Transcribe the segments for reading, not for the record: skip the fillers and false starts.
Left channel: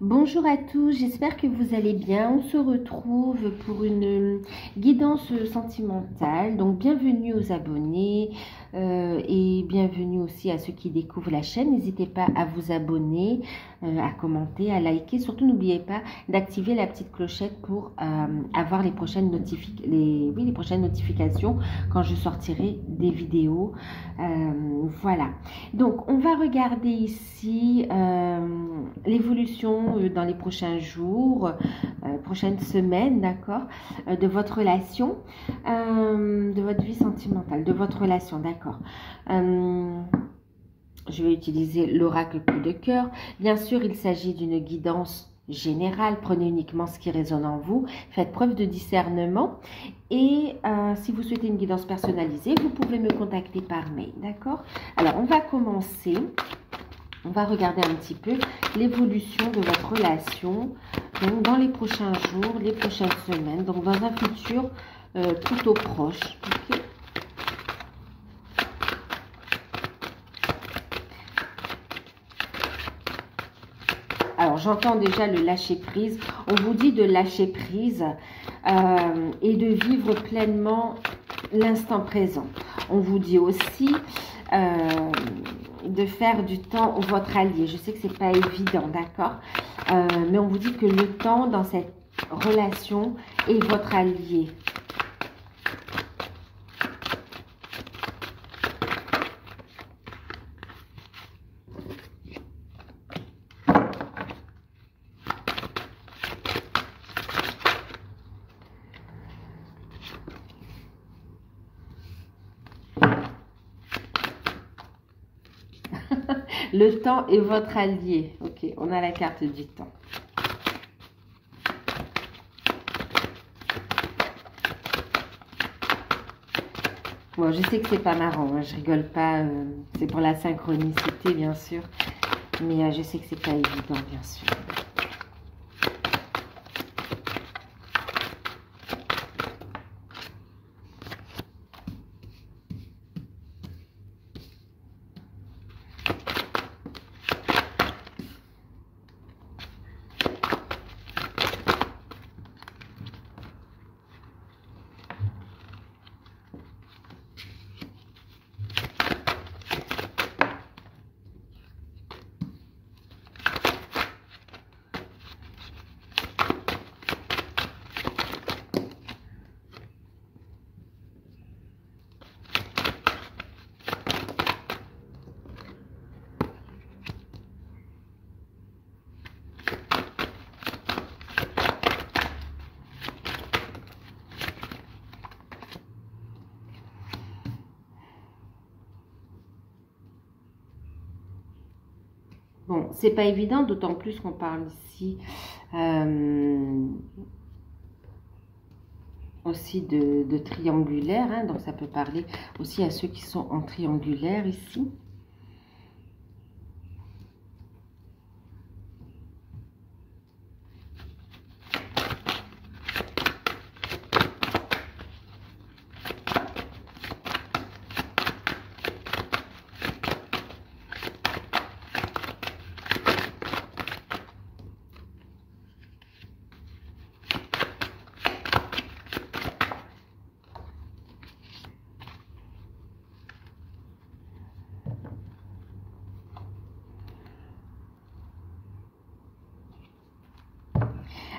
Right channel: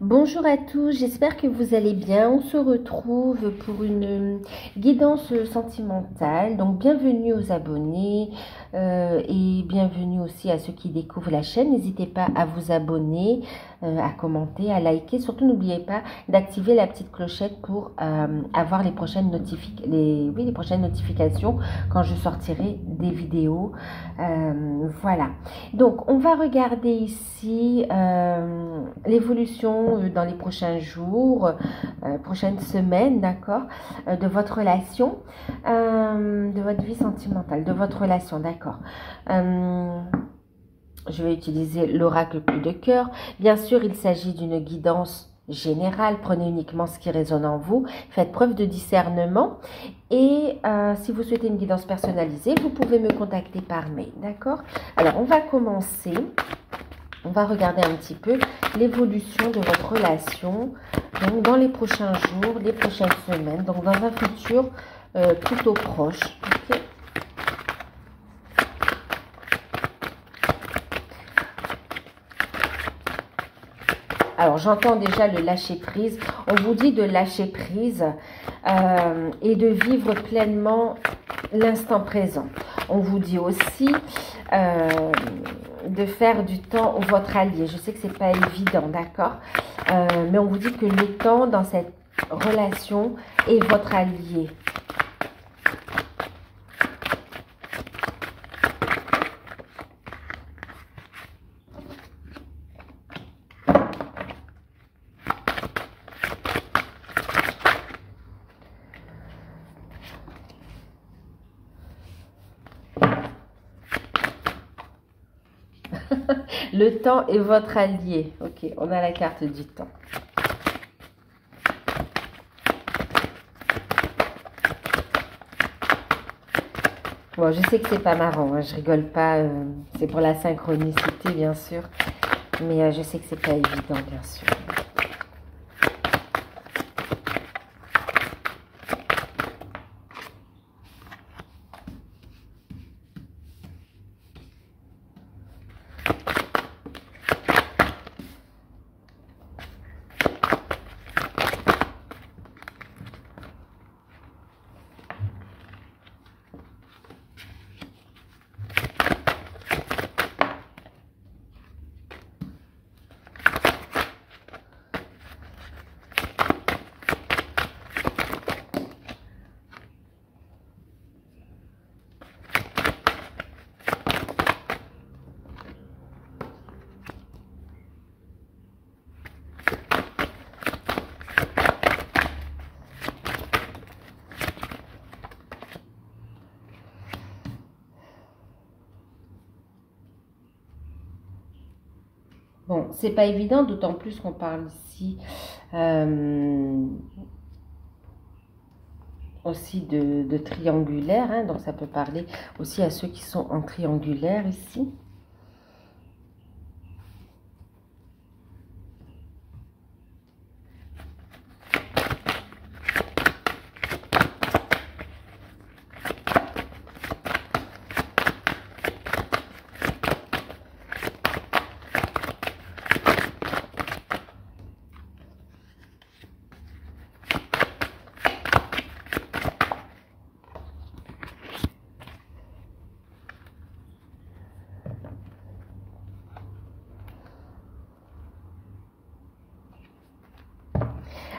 Bonjour à tous, j'espère que vous allez bien. On se retrouve pour une guidance sentimentale. Donc bienvenue aux abonnés et bienvenue aussi à ceux qui découvrent la chaîne. N'hésitez pas à vous abonner, à commenter, à liker. Surtout n'oubliez pas d'activer la petite clochette pour avoir les prochaines notifications quand je sortirai des vidéos. Voilà. Donc on va regarder ici l'évolution dans les prochains jours, prochaines semaines, d'accord, de votre relation, de votre vie sentimentale, de votre relation, d'accord. Je vais utiliser l'oracle coup de cœur. Bien sûr, il s'agit d'une guidance générale. Prenez uniquement ce qui résonne en vous. Faites preuve de discernement. Et si vous souhaitez une guidance personnalisée, vous pouvez me contacter par mail, d'accord? Alors, on va commencer. On va regarder un petit peu l'évolution de votre relation donc dans les prochains jours, les prochaines semaines, donc dans un futur plutôt proche. Okay. Alors, j'entends déjà le lâcher-prise. On vous dit de lâcher prise et de vivre pleinement l'instant présent. On vous dit aussi de faire du temps votre allié. Je sais que c'est pas évident, d'accord, mais on vous dit que le temps dans cette relation est votre allié. Le temps est votre allié. Ok, on a la carte du temps. Bon, je sais que c'est pas marrant, hein, je rigole pas. C'est pour la synchronicité, bien sûr. Mais je sais que c'est pas évident, bien sûr. Bon, c'est pas évident, d'autant plus qu'on parle ici aussi de triangulaire, hein, donc ça peut parler aussi à ceux qui sont en triangulaire ici.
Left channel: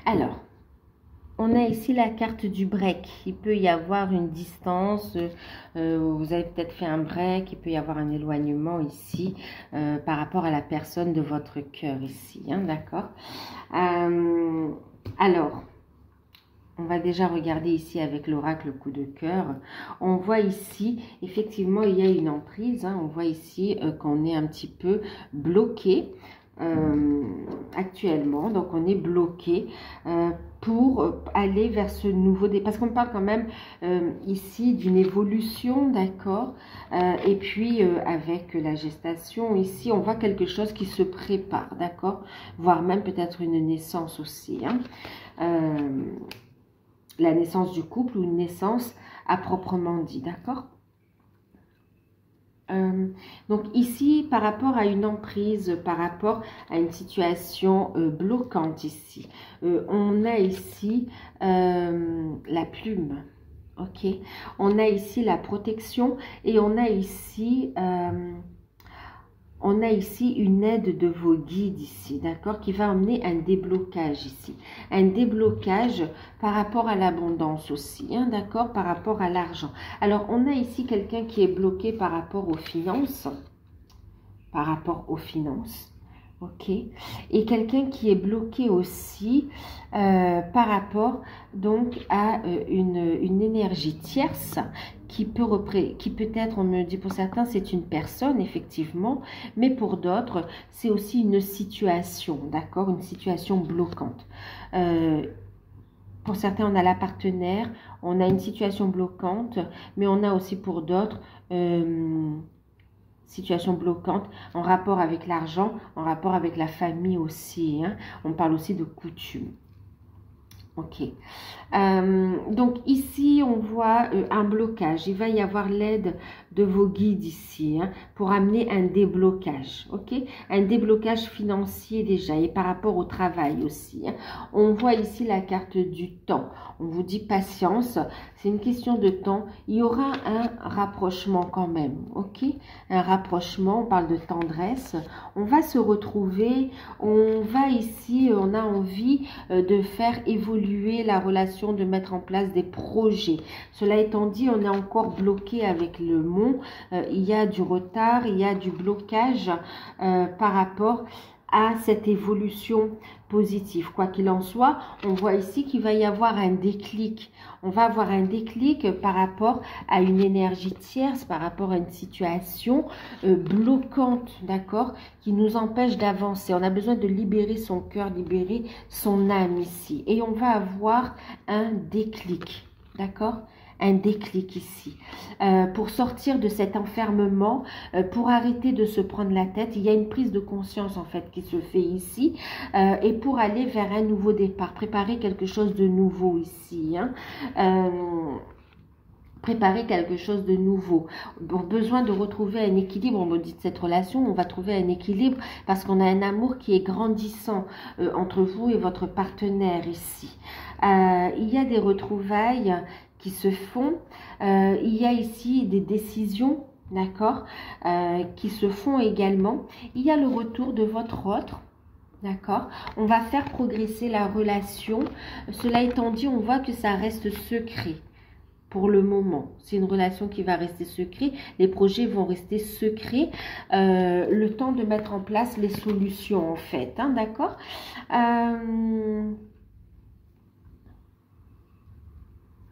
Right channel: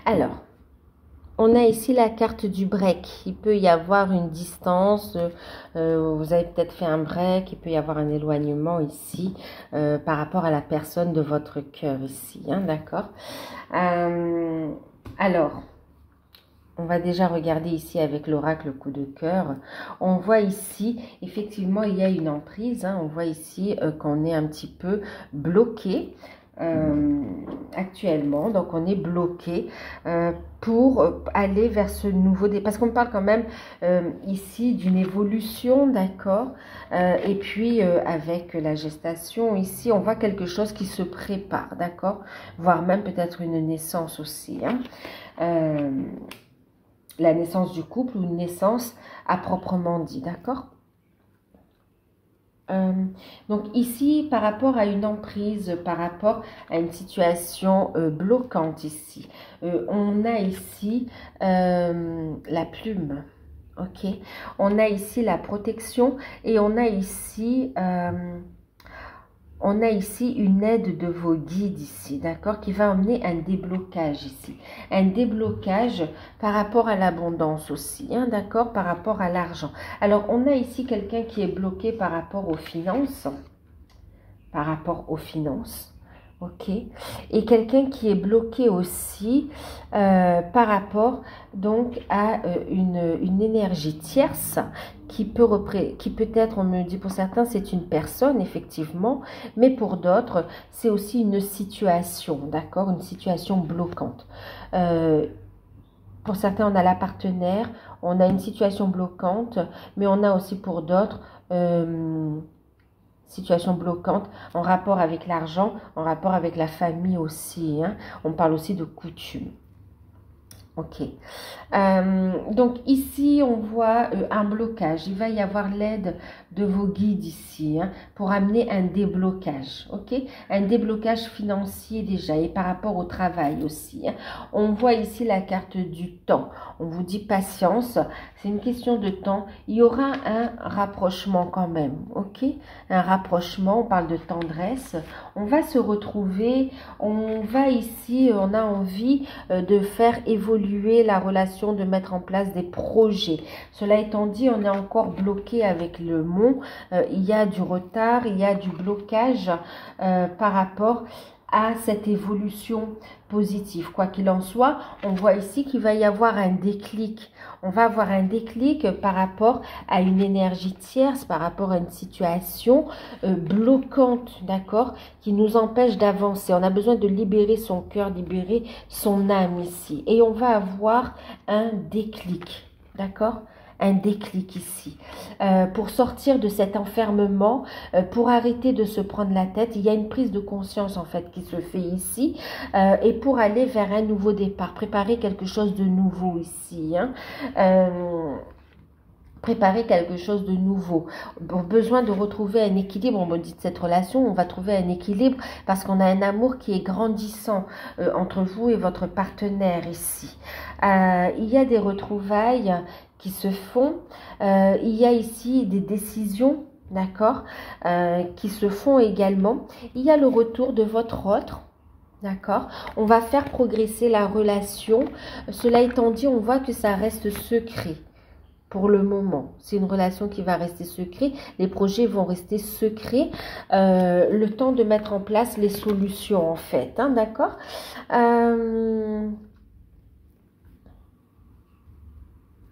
Alors, on a ici la carte du break. Il peut y avoir une distance, vous avez peut-être fait un break, il peut y avoir un éloignement ici par rapport à la personne de votre cœur ici, hein, d'accord? Alors, on va déjà regarder ici avec l'oracle coup de cœur. On voit ici, effectivement, il y a une emprise, hein, on voit ici qu'on est un petit peu bloqué. Actuellement, donc on est bloqué pour aller vers ce nouveau départ, parce qu'on parle quand même ici d'une évolution, d'accord, et puis avec la gestation ici on voit quelque chose qui se prépare, d'accord, voire même peut-être une naissance aussi, hein. La naissance du couple ou une naissance à proprement dit, d'accord. Donc ici, par rapport à une emprise, par rapport à une situation bloquante ici, on a ici la plume, ok? On a ici la protection et on a ici une aide de vos guides ici, d'accord, qui va amener un déblocage ici. Un déblocage par rapport à l'abondance aussi, hein, d'accord, par rapport à l'argent. Alors, on a ici quelqu'un qui est bloqué par rapport aux finances. Par rapport aux finances. Ok, et quelqu'un qui est bloqué aussi par rapport donc à une énergie tierce qui peut être, on me dit pour certains c'est une personne effectivement, mais pour d'autres c'est aussi une situation, d'accord, une situation bloquante. Pour certains on a la partenaire, on a une situation bloquante, mais on a aussi pour d'autres situation bloquante en rapport avec l'argent, en rapport avec la famille aussi. Hein. On parle aussi de coutume. Ok. Donc ici, on voit un blocage. Il va y avoir l'aide de vos guides ici hein, pour amener un déblocage. Ok. Un déblocage financier déjà et par rapport au travail aussi. Hein. On voit ici la carte du temps. On vous dit patience. C'est une question de temps. Il y aura un rapprochement quand même. Ok. Un rapprochement. On parle de tendresse. On va se retrouver. On va ici, on a envie de faire évoluer la relation, de mettre en place des projets. Cela étant dit, on est encore bloqué avec le mont. Il y a du retard, il y a du blocage par rapport à cette évolution positive. Quoi qu'il en soit, on voit ici qu'il va y avoir un déclic. On va avoir un déclic par rapport à une énergie tierce, par rapport à une situation bloquante, d'accord, qui nous empêche d'avancer. On a besoin de libérer son cœur, libérer son âme ici. Et on va avoir un déclic, d'accord, un déclic ici. Pour sortir de cet enfermement, pour arrêter de se prendre la tête, il y a une prise de conscience en fait qui se fait ici et pour aller vers un nouveau départ, préparer quelque chose de nouveau ici. Hein. Préparer quelque chose de nouveau. Bon, besoin de retrouver un équilibre, on me dit de cette relation, on va trouver un équilibre parce qu'on a un amour qui est grandissant entre vous et votre partenaire ici. Il y a des retrouvailles qui se font, il y a ici des décisions, d'accord, qui se font également. Il y a le retour de votre autre. D'accord, on va faire progresser la relation. Cela étant dit, on voit que ça reste secret. Pour le moment, c'est une relation qui va rester secrète. Les projets vont rester secrets. Le temps de mettre en place les solutions, en fait. Hein, d'accord.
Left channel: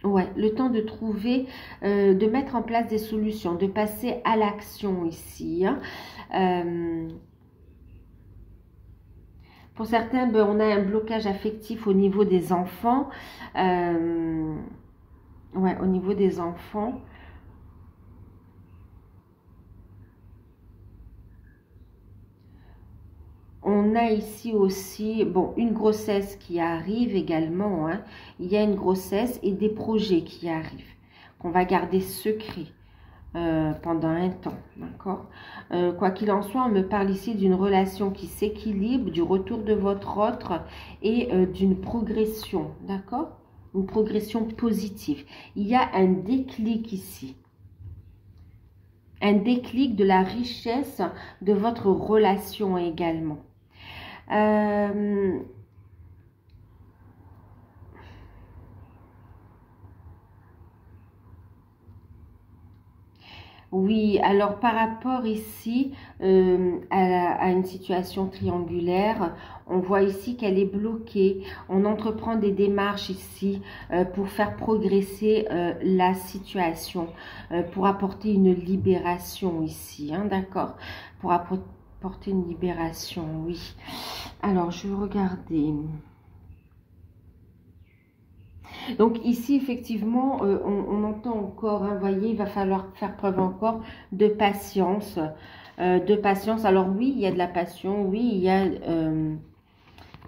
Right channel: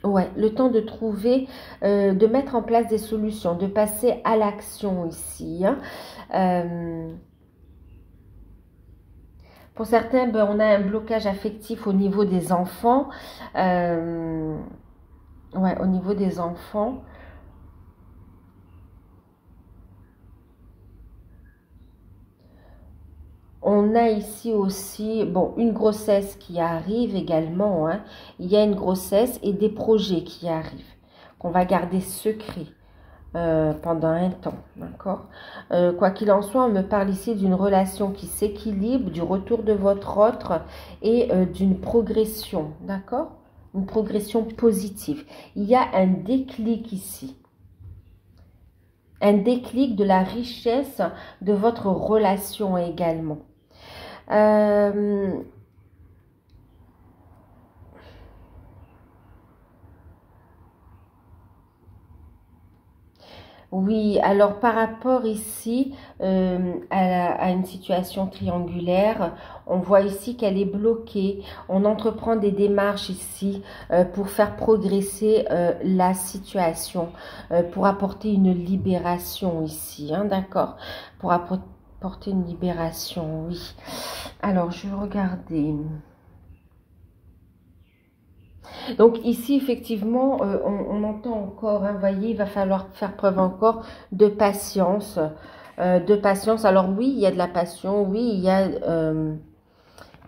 Ouais, le temps de trouver, de mettre en place des solutions, de passer à l'action ici. Hein. Pour certains, ben, on a un blocage affectif au niveau des enfants. Ouais, au niveau des enfants. On a ici aussi, bon, une grossesse qui arrive également. Hein. Il y a une grossesse et des projets qui arrivent, qu'on va garder secrets pendant un temps, d'accord. Quoi qu'il en soit, on me parle ici d'une relation qui s'équilibre, du retour de votre autre et d'une progression, d'accord. Une progression positive. Il y a un déclic ici. Un déclic de la richesse de votre relation également. Oui, alors par rapport ici à une situation triangulaire, on voit ici qu'elle est bloquée. On entreprend des démarches ici pour faire progresser la situation, pour apporter une libération ici, hein, d'accord? Pour apporter une libération, oui. Alors, je vais regarder. Donc ici, effectivement, on entend encore, hein, vous voyez, il va falloir faire preuve encore de patience. Alors oui, il y a de la passion, oui,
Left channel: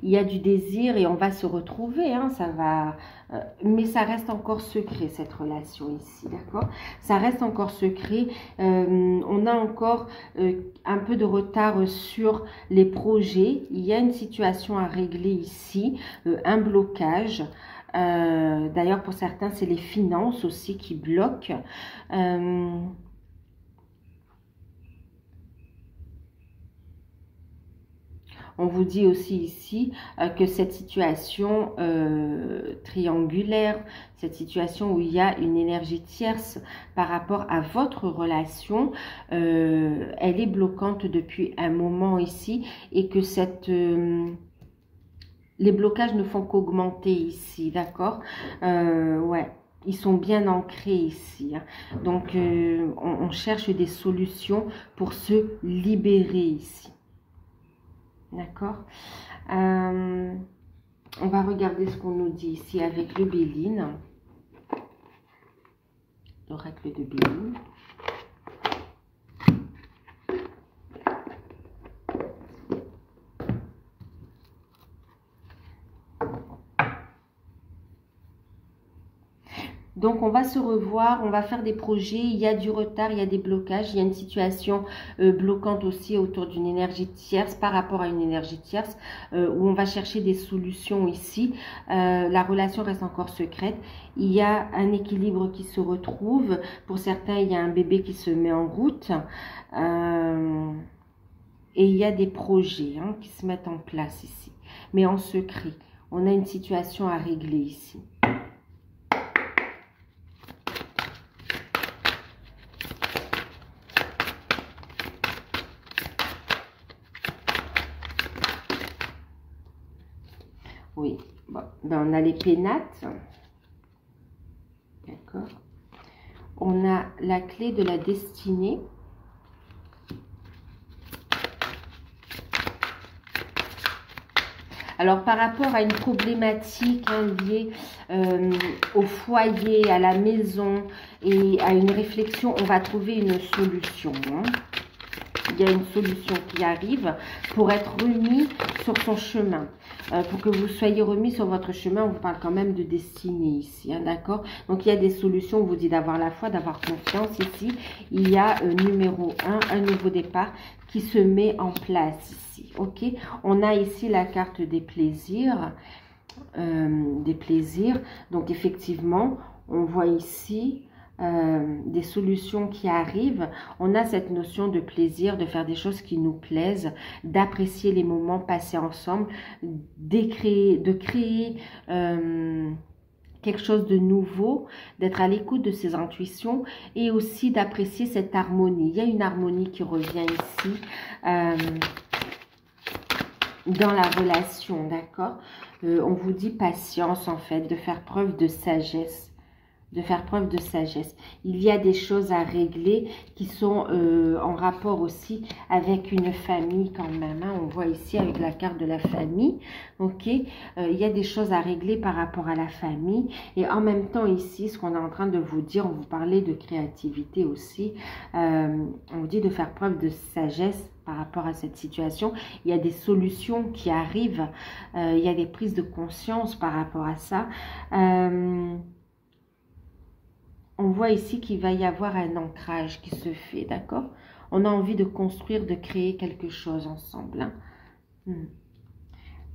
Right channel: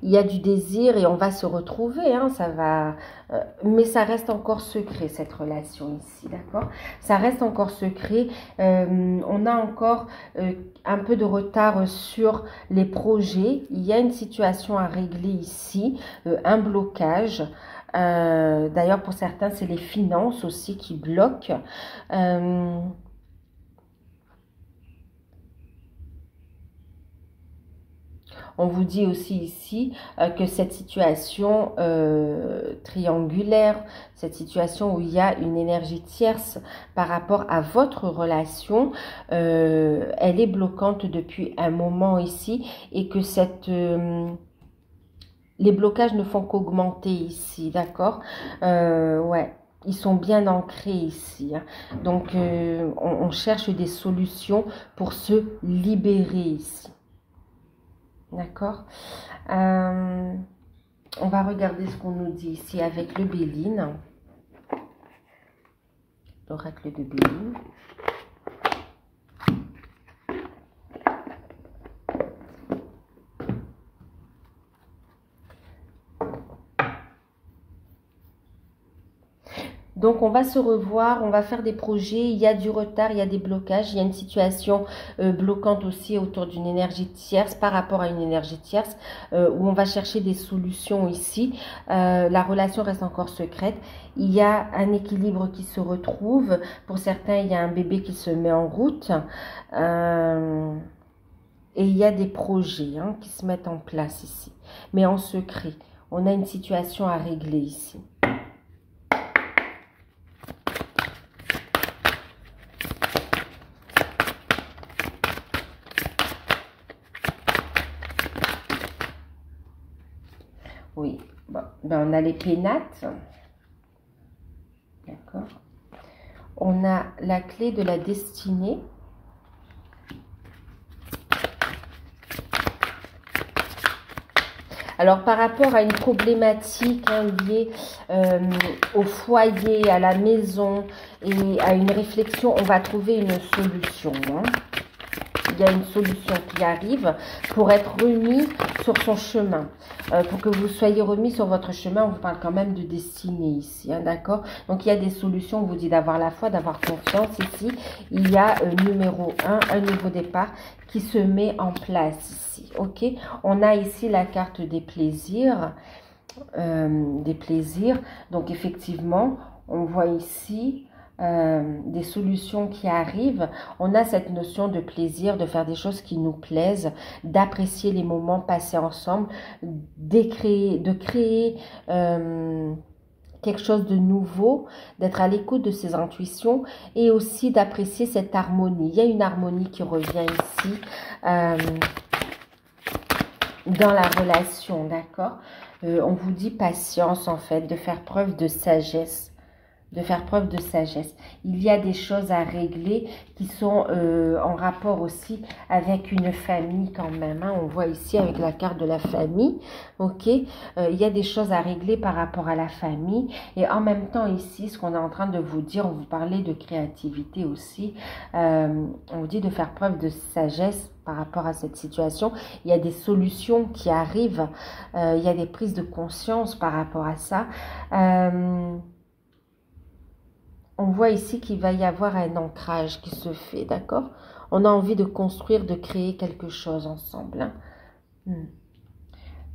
il il y a du désir et on va se retrouver, hein, ça va, mais ça reste encore secret cette relation ici, d'accord? Ça reste encore secret, on a encore un peu de retard sur les projets, il y a une situation à régler ici, un blocage. D'ailleurs, pour certains, c'est les finances aussi qui bloquent. On vous dit aussi ici que cette situation triangulaire, cette situation où il y a une énergie tierce par rapport à votre relation, elle est bloquante depuis un moment ici et que les blocages ne font qu'augmenter ici, d'accord? Ouais. Ils sont bien ancrés ici. Hein. Donc, on cherche des solutions pour se libérer ici. D'accord. On va regarder ce qu'on nous dit ici avec le Béline. L'oracle de Béline. Donc, on va se revoir, on va faire des projets, il y a du retard, il y a des blocages, il y a une situation bloquante aussi autour d'une énergie tierce, par rapport à une énergie tierce, où on va chercher des solutions ici. La relation reste encore secrète. Il y a un équilibre qui se retrouve. Pour certains, il y a un bébé qui se met en route. Et il y a des projets hein, qui se mettent en place ici, mais en secret. On a une situation à régler ici. Oui, bon, ben on a les pénates. D'accord. On a la clé de la destinée. Alors, par rapport à une problématique hein, liée au foyer, à la maison et à une réflexion, on va trouver une solution. Hein. Il y a une solution qui arrive pour être remis sur son chemin. Pour que vous soyez remis sur votre chemin, on vous parle quand même de destinée ici, hein, d'accord? Donc, il y a des solutions, on vous dit d'avoir la foi, d'avoir confiance ici. Il y a numéro 1, un nouveau départ qui se met en place ici, ok? On a ici la carte des plaisirs. Donc, effectivement, on voit ici... des solutions qui arrivent, on a cette notion de plaisir, de faire des choses qui nous plaisent, d'apprécier les moments passés ensemble, de créer quelque chose de nouveau, d'être à l'écoute de ses intuitions et aussi d'apprécier cette harmonie. Il y a une harmonie qui revient ici dans la relation, d'accord? On vous dit patience en fait, de faire preuve de sagesse. Il y a des choses à régler qui sont en rapport aussi avec une famille quand même. Hein. On voit ici avec la carte de la famille, ok. Il y a des choses à régler par rapport à la famille. Et en même temps ici, ce qu'on est en train de vous dire, on vous parlait de créativité aussi. On vous dit de faire preuve de sagesse par rapport à cette situation. Il y a des solutions qui arrivent. Il y a des prises de conscience par rapport à ça. On voit ici qu'il va y avoir un ancrage qui se fait, d'accord? On a envie de construire, de créer quelque chose ensemble. Hein.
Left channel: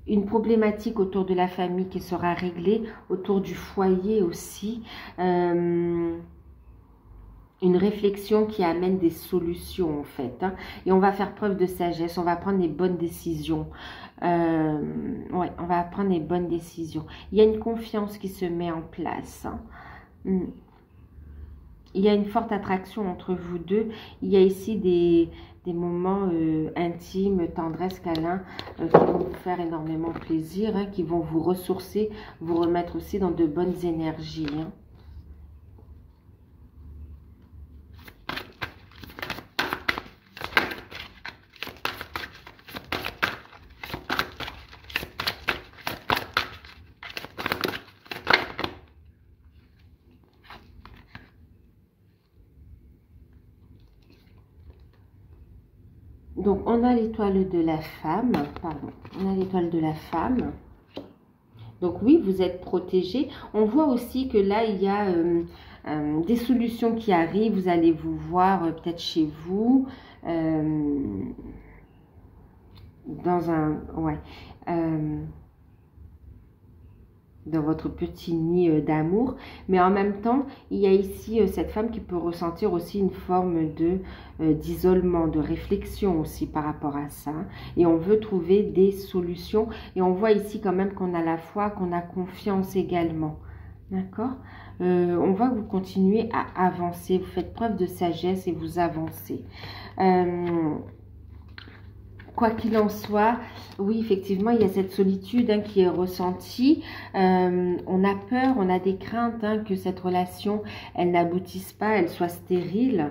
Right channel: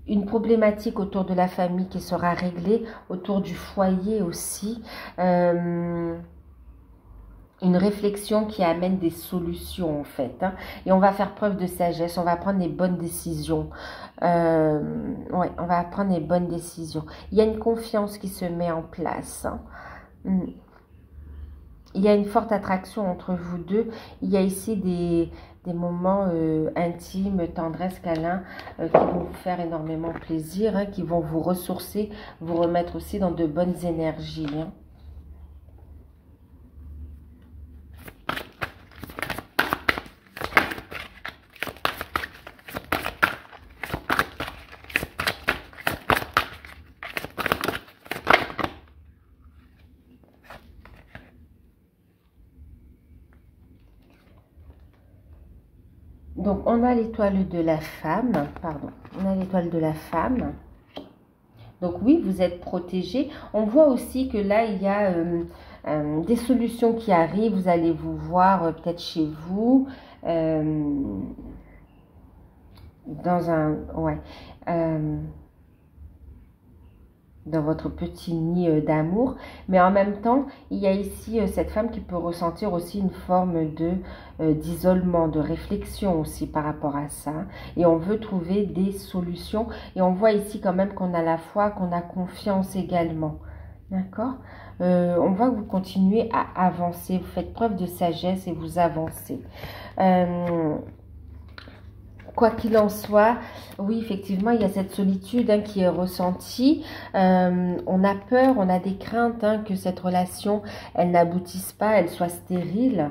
Une problématique autour de la famille qui sera réglée, autour du foyer aussi. Une réflexion qui amène des solutions en fait. Hein. Et on va faire preuve de sagesse, on va prendre les bonnes décisions. Ouais, on va prendre les bonnes décisions. Il y a une confiance qui se met en place. Hein. Il y a une forte attraction entre vous deux. Il y a ici des moments intimes, tendresse, câlins, qui vont vous faire énormément plaisir, hein, qui vont vous ressourcer, vous remettre aussi dans de bonnes énergies. Hein. Donc, on a l'étoile de la femme, pardon, on a l'étoile de la femme. Donc oui, vous êtes protégé. On voit aussi que là, il y a des solutions qui arrivent. Vous allez vous voir peut-être chez vous, dans un... Ouais. Dans votre petit nid d'amour, mais en même temps, il y a ici cette femme qui peut ressentir aussi une forme de d'isolement, de réflexion aussi par rapport à ça, et on veut trouver des solutions, et on voit ici quand même qu'on a la foi, qu'on a confiance également, d'accord. On voit que vous continuez à avancer, vous faites preuve de sagesse et vous avancez. Quoi qu'il en soit, oui, effectivement, il y a cette solitude qui est ressentie. On a peur, on a des craintes que cette relation, elle n'aboutisse pas, elle soit stérile.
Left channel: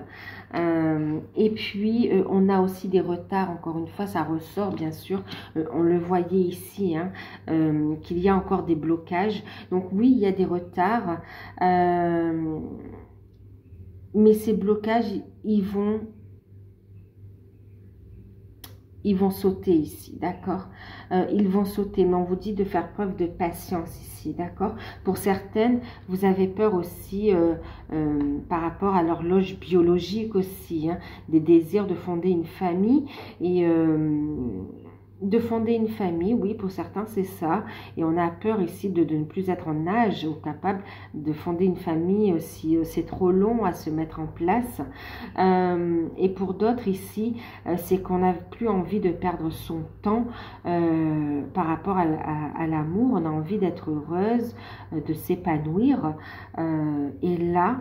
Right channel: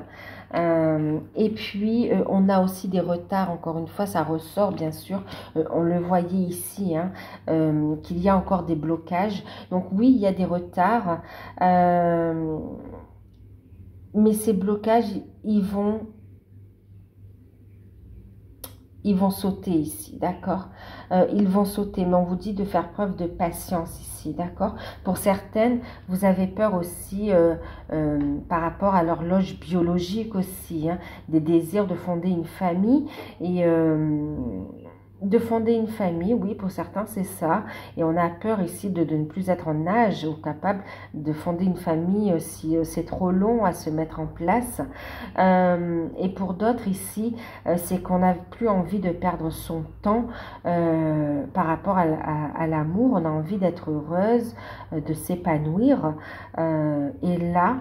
Et puis, on a aussi des retards, encore une fois, ça ressort, bien sûr. On le voyait ici, qu'il y a encore des blocages. Donc, oui, il y a des retards. Mais ces blocages, ils vont sauter ici, d'accord. Ils vont sauter, mais on vous dit de faire preuve de patience ici, d'accord. Pour certaines, vous avez peur aussi par rapport à l'horloge biologique aussi, des désirs de fonder une famille et de fonder une famille, oui, pour certains, c'est ça. Et on a peur ici de ne plus être en âge ou capable de fonder une famille si c'est trop long à se mettre en place. Et pour d'autres ici, c'est qu'on n'a plus envie de perdre son temps par rapport à l'amour. On a envie d'être heureuse, de s'épanouir. Et là,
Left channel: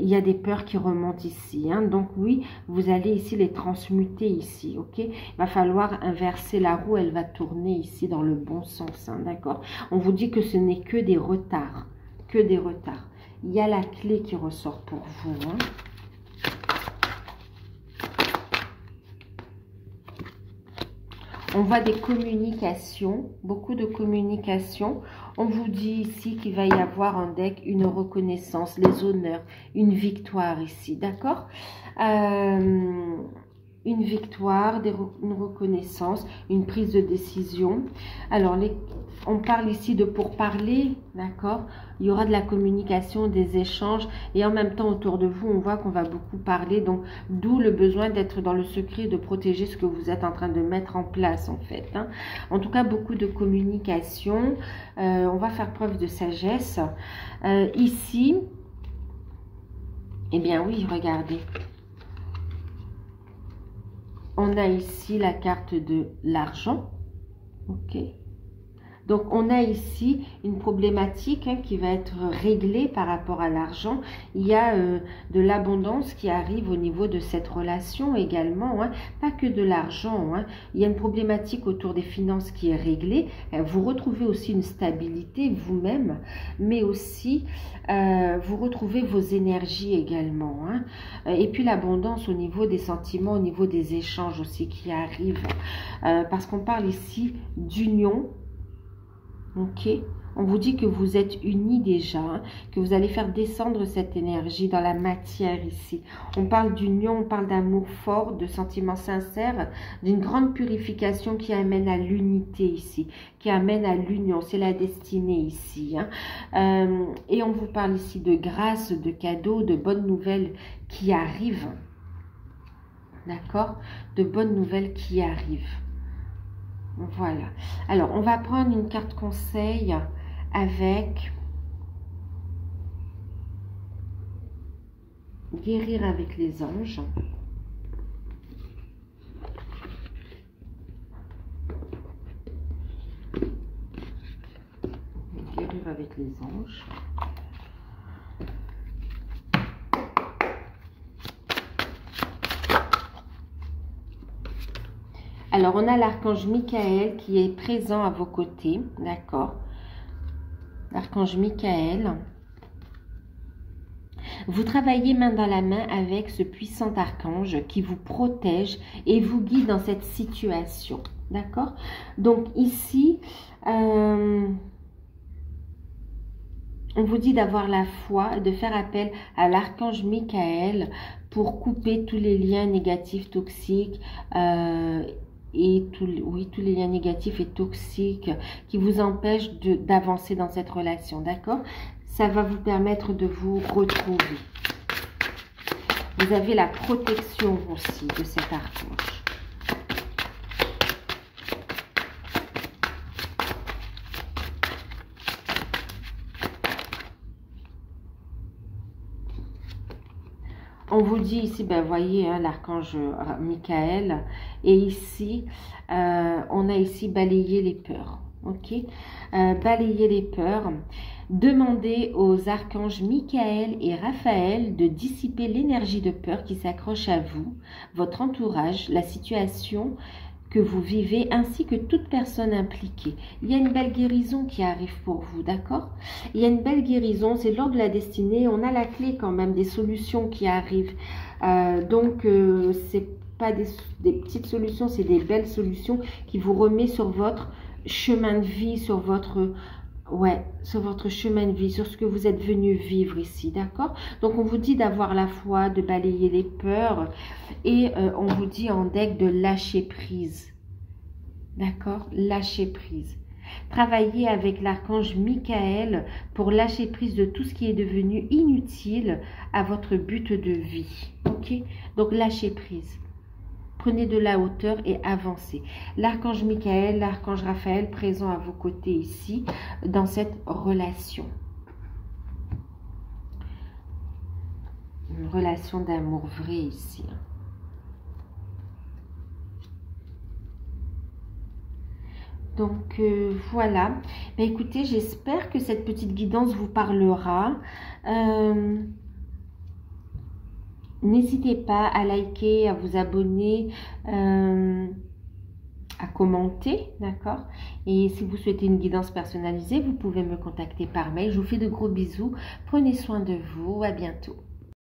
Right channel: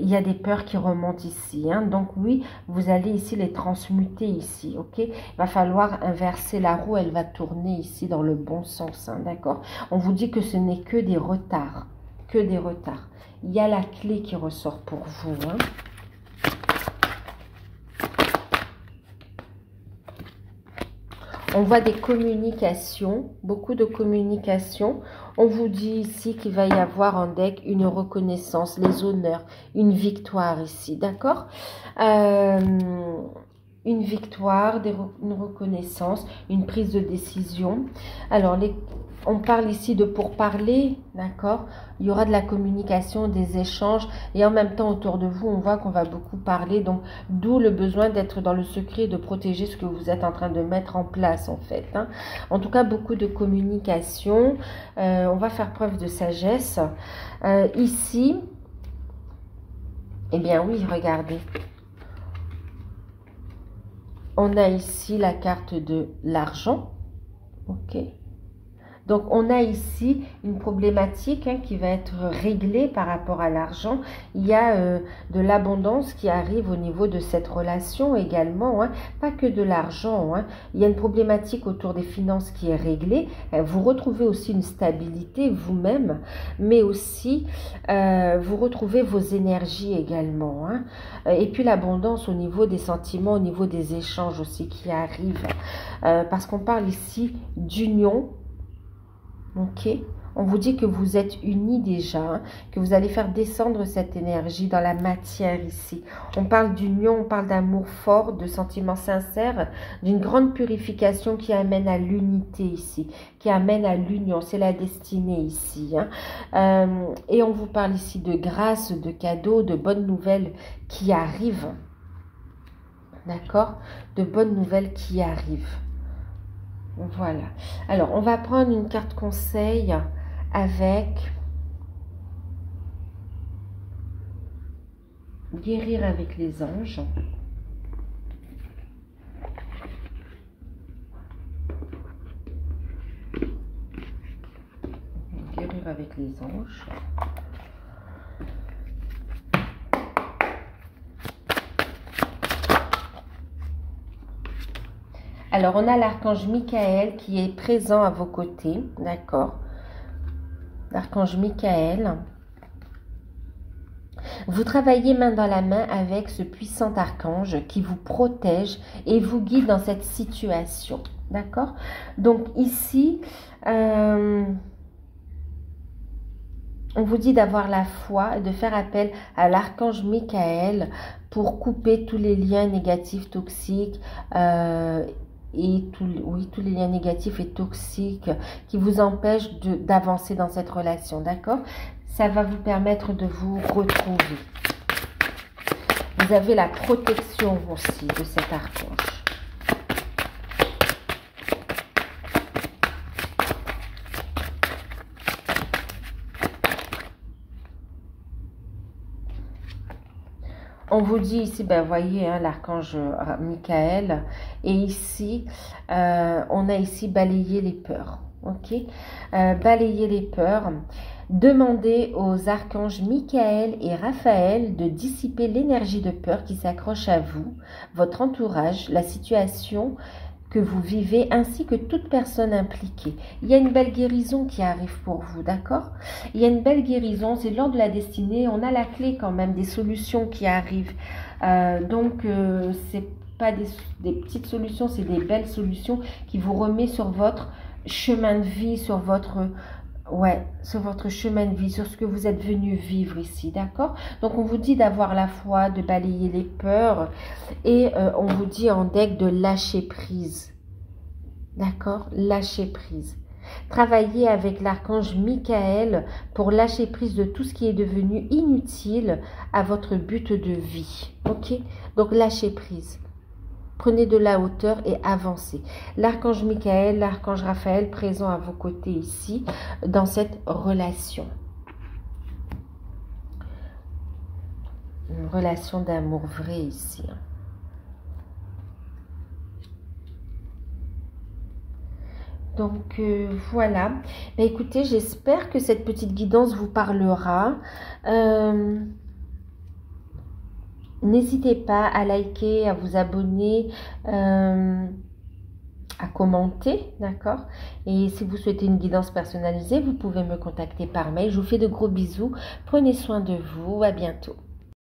il y a des peurs qui remontent ici. Donc oui, vous allez ici les transmuter ici, ok. Il va falloir inverser la roue, elle va tourner ici dans le bon sens, d'accord. On vous dit que ce n'est que des retards, que des retards. Il y a la clé qui ressort pour vous, On voit des communications, beaucoup de communications. On vous dit ici qu'il va y avoir en deck une reconnaissance, les honneurs, une victoire ici, d'accord. Une victoire, une reconnaissance, une prise de décision. Alors, on parle ici de pourparler, d'accord. Il y aura de la communication, des échanges, et en même temps, autour de vous, on voit qu'on va beaucoup parler. Donc, d'où le besoin d'être dans le secret, de protéger ce que vous êtes en train de mettre en place, en fait. En tout cas, beaucoup de communication. On va faire preuve de sagesse. Ici, eh bien oui, regardez. On a ici la carte de l'argent, ok. Donc, on a ici une problématique qui va être réglée par rapport à l'argent. Il y a de l'abondance qui arrive au niveau de cette relation également, pas que de l'argent. Il y a une problématique autour des finances qui est réglée. Vous retrouvez aussi une stabilité vous-même, mais aussi vous retrouvez vos énergies également. Et puis l'abondance au niveau des sentiments, au niveau des échanges aussi qui arrivent. Parce qu'on parle ici d'union. Ok, on vous dit que vous êtes unis déjà, que vous allez faire descendre cette énergie dans la matière ici. On parle d'union, on parle d'amour fort, de sentiments sincères, d'une grande purification qui amène à l'unité ici, qui amène à l'union. C'est la destinée ici. Et on vous parle ici de grâce, de cadeaux, de bonnes nouvelles qui arrivent. D'accord? De bonnes nouvelles qui arrivent. Voilà. Alors, on va prendre une carte conseil avec guérir avec les anges. Guérir avec les anges. Alors, on a l'archange Michael qui est présent à vos côtés, d'accord? L'archange Michael. Vous travaillez main dans la main avec ce puissant archange qui vous protège et vous guide dans cette situation, d'accord? Donc, ici, on vous dit d'avoir la foi, de faire appel à l'archange Michael pour couper tous les liens négatifs, toxiques, et oui, tous les liens négatifs et toxiques qui vous empêchent d'avancer dans cette relation, d'accord? Ça va vous permettre de vous retrouver. Vous avez la protection aussi de cet archange. On vous dit ici, ben voyez, hein, l'archange Michael, et ici, on a ici balayé les peurs, ok? Balayer les peurs. Demandez aux archanges Michael et Raphaël de dissiper l'énergie de peur qui s'accroche à vous, votre entourage, la situation que vous vivez, ainsi que toute personne impliquée. Il y a une belle guérison qui arrive pour vous, d'accord? Il y a une belle guérison, c'est l'ordre de la destinée. On a la clé quand même des solutions qui arrivent. C'est pas des petites solutions, c'est des belles solutions qui vous remet sur votre chemin de vie, sur votre... Ouais, sur votre chemin de vie, sur ce que vous êtes venu vivre ici, d'accord? Donc, on vous dit d'avoir la foi, de balayer les peurs et on vous dit en deck de lâcher prise, d'accord? Lâcher prise. Travaillez avec l'archange Michael pour lâcher prise de tout ce qui est devenu inutile à votre but de vie, ok? Donc, lâcher prise. Prenez de la hauteur et avancez. L'archange Michael, l'archange Raphaël présent à vos côtés ici dans cette relation. Une relation d'amour vrai ici. Donc voilà. Ben, écoutez, j'espère que cette petite guidance vous parlera. N'hésitez pas à liker, à vous abonner, à commenter, d'accord? Et si vous souhaitez une guidance personnalisée, vous pouvez me contacter par mail. Je vous fais de gros bisous. Prenez soin de vous. À bientôt.